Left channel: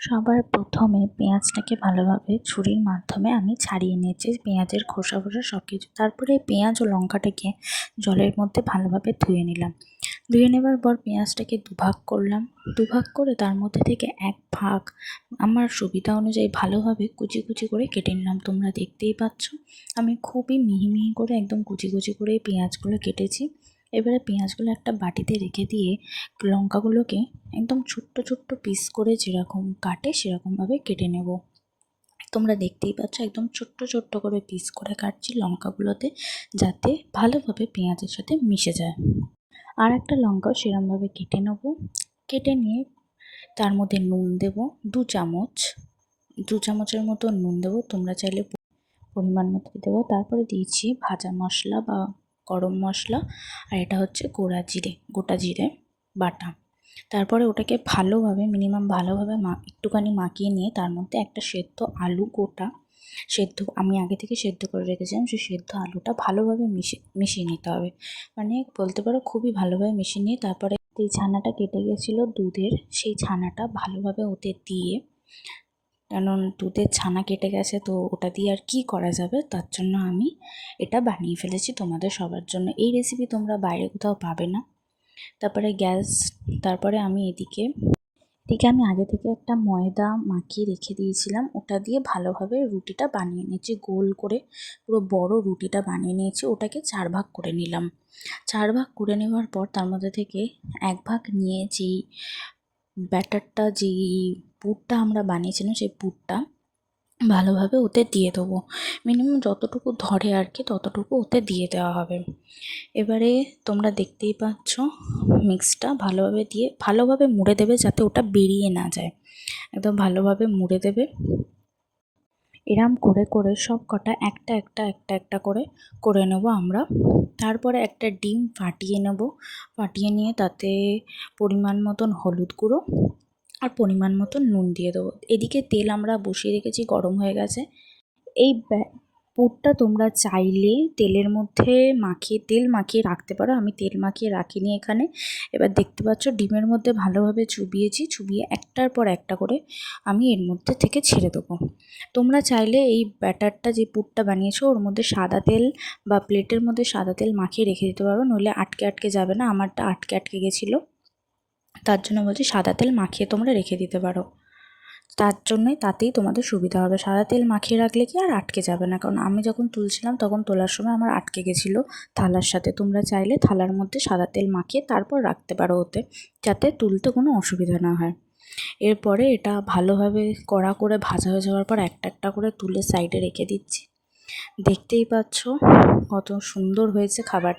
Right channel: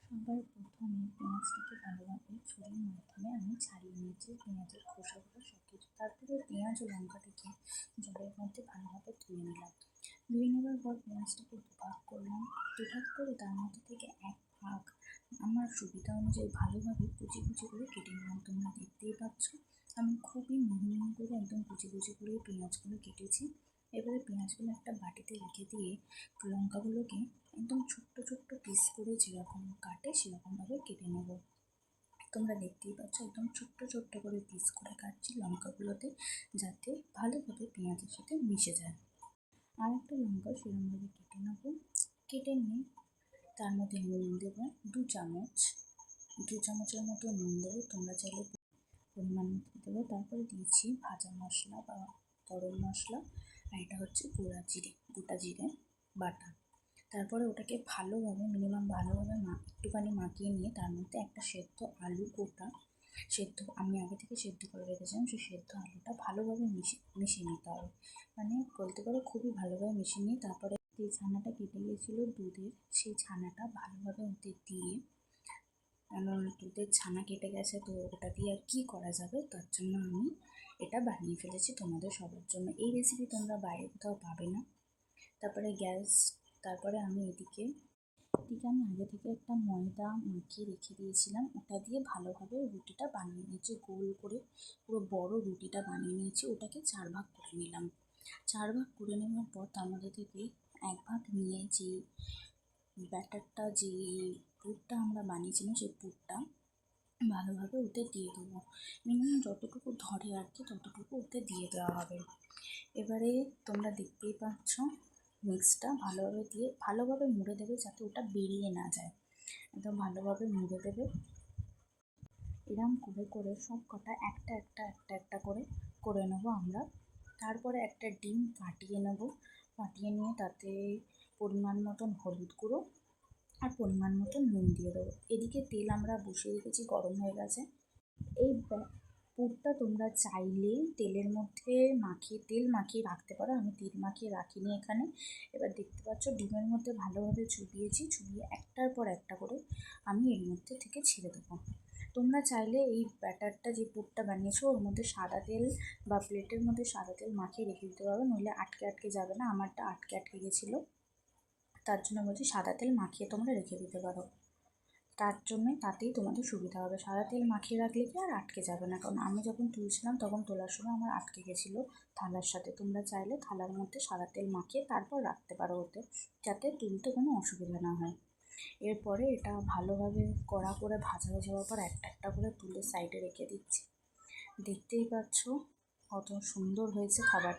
সবার প্রথমে পেঁয়াজটাকে ভালোভাবে ছুরির মাধ্যমে আমি ছাড়িয়ে নিয়েছি, পেঁয়াজের খোসা সব কিছু। তারপরে পেঁয়াজ ও লঙ্কাটাকে জলের মধ্যে ভালোভাবে ধুয়ে নিলাম। ধুয়ে নেবার পর পেঁয়াজটাকে দুভাগ করলাম। দুভাগ করে তার মধ্যে থেকে এক ভাগ আমার সুবিধা অনুযায়ী ভালোভাবে কুচি কুচি করে কেটে নিলাম। তোমরা দেখতেই পাচ্ছ আমি খুবই মিহি মিহি করে একদম কুচি কুচি করে পেঁয়াজগুলো কেটেছি। এবারে পেঁয়াজগুলো একটা বাটিতে রেখে দিয়ে লঙ্কাগুলোকে একদম ছোট্ট ছোট্ট পিস করে যেরকম কাটে সেরকমভাবে কেটে নেব। তোমরা দেখতেই পাচ্ছ একদম ছোট্ট ছোট্ট করে পিস করে কাটছি লঙ্কাগুলোতে, যাতে ভালোভাবে পেঁয়াজের সাথে মিশে যায়। আর একটা লঙ্কাও সেরকমভাবে কেটে নেব। কেটে নিয়ে তার মধ্যে নুন দেব 2 চামচের মতো নুন দেবো। তোমরা চাইলে পরিমাণ মতো দেবো। তারপরে দিয়েছি ভাজা মশলা বা গরম মশলা, আর এটা হচ্ছে গোটা জিরে বাটা। তারপরে ওটাকে ভালোভাবে ভালোভাবে একটুখানি মাখিয়ে নিয়ে তার মধ্যে একটা সেদ্ধ আলু আমি আগে থেকে সেদ্ধ করে রেখেছিলাম, সেই সেদ্ধ আলুটা ভালোভাবে মিশিয়ে নিতে হবে। মানে বলতে পারো খুবই ভালোভাবে মিশিয়ে নিয়ে তারপরে এই ছানাটা কেটে গেছিলো দুধের, সেই ছানাটা ভালোভাবে ওতে দিয়ে, কারণ দুধের ছানা কেটে গেছে তো ওটা দিয়ে আর কি করা যাবে, তার জন্য আমি এটা বানিয়ে ফেলেছি তোমাদের সবার জন্য। এই রেসিপি তোমরা বাইরে কোথাও পাবে না। তারপরে আমি এদিকে আমি আগে থেকে একটা ময়দা মাখিয়ে রেখে দিয়েছিলাম, ওটা দিয়ে ভালোভাবে রুটিটা বানিয়ে নিয়েছি। গোল করে পুরো বড় রুটিটা বানিয়ে নিয়েছি। ওটাকে 4 ভাগ করে নিলাম। 4 ভাগ করে নেওয়ার পর তার মধ্যে থেকে 1 ভাগ নিয়ে যেই পুরটা আমরা বানিয়েছিলাম সেই পুরটা ভালোভাবে ওতে দিয়ে দেবো। মিনিমাম যতটুকু ধরে আর কি ততটুকু ওতে দিয়ে দেওয়া হবে। এবারে তোমরা দেখতেই পাচ্ছ মিক্সটা ভালোভাবে মুড়ে দেবে, যাতে ওটা বেরিয়ে না যায়। একদম ভালোভাবে মুড়ে দেবে। এরম করে করে সব কটা একটা করে নেব আমরা। তারপরে একটা ডিম ফাটিয়ে নিয়ে তাতে পরিমাণ মতন হলুদ গুঁড়ো আর পরিমাণ মতন নুন দিয়ে দেবো। এদিকে তেল আমরা বসিয়ে রেখেছি, গরম হয়ে গেছে। এই পুরটা তোমরা চাইলে তেল মাখিয়ে রাখতে পারো। আমি তেল মাখিয়ে রাখিনি এখানে। এবার দেখতে পাচ্ছ ডিমের মধ্যে ভালোভাবে চুবিয়ে একটার পর একটা করে আমি এর মধ্যে থেকে ছেড়ে দেবো। তোমরা চাইলে এই ব্যাটারটা যে পুরটা বানিয়েছো ওর মধ্যে সাদা তেল বা প্লেটের মধ্যে সাদা তেল মাখিয়ে রেখে দিতে পারো, নইলে আটকে যাবে না। আমারটা আটকে গেছিলো, তার জন্য বলছি সাদা তেল মাখিয়ে তোমরা রেখে দিতে পারো। তাতেই তোমাদের সুবিধা হবে। সাদা তেল মাখিয়ে রাখলে কি আর আটকে যাবে না, কারণ আমি যখন তুলছিলাম তখন তোলার সময় আমার আটকে গেছিলো থালার সাথে। তোমরা চাইলে থালার মধ্যে সাদা তেল মাখিয়ে তারপর রাখতে পারো ওতে, যাতে তুলতে কোনো অসুবিধা না হয়। এরপরে এটা ভালোভাবে কড়া করে ভাজা হয়ে যাওয়ার পর একটা করে তুলে সাইডে রেখে দিচ্ছি। দেখতেই পাচ্ছ কত সুন্দর হয়েছে খাবার।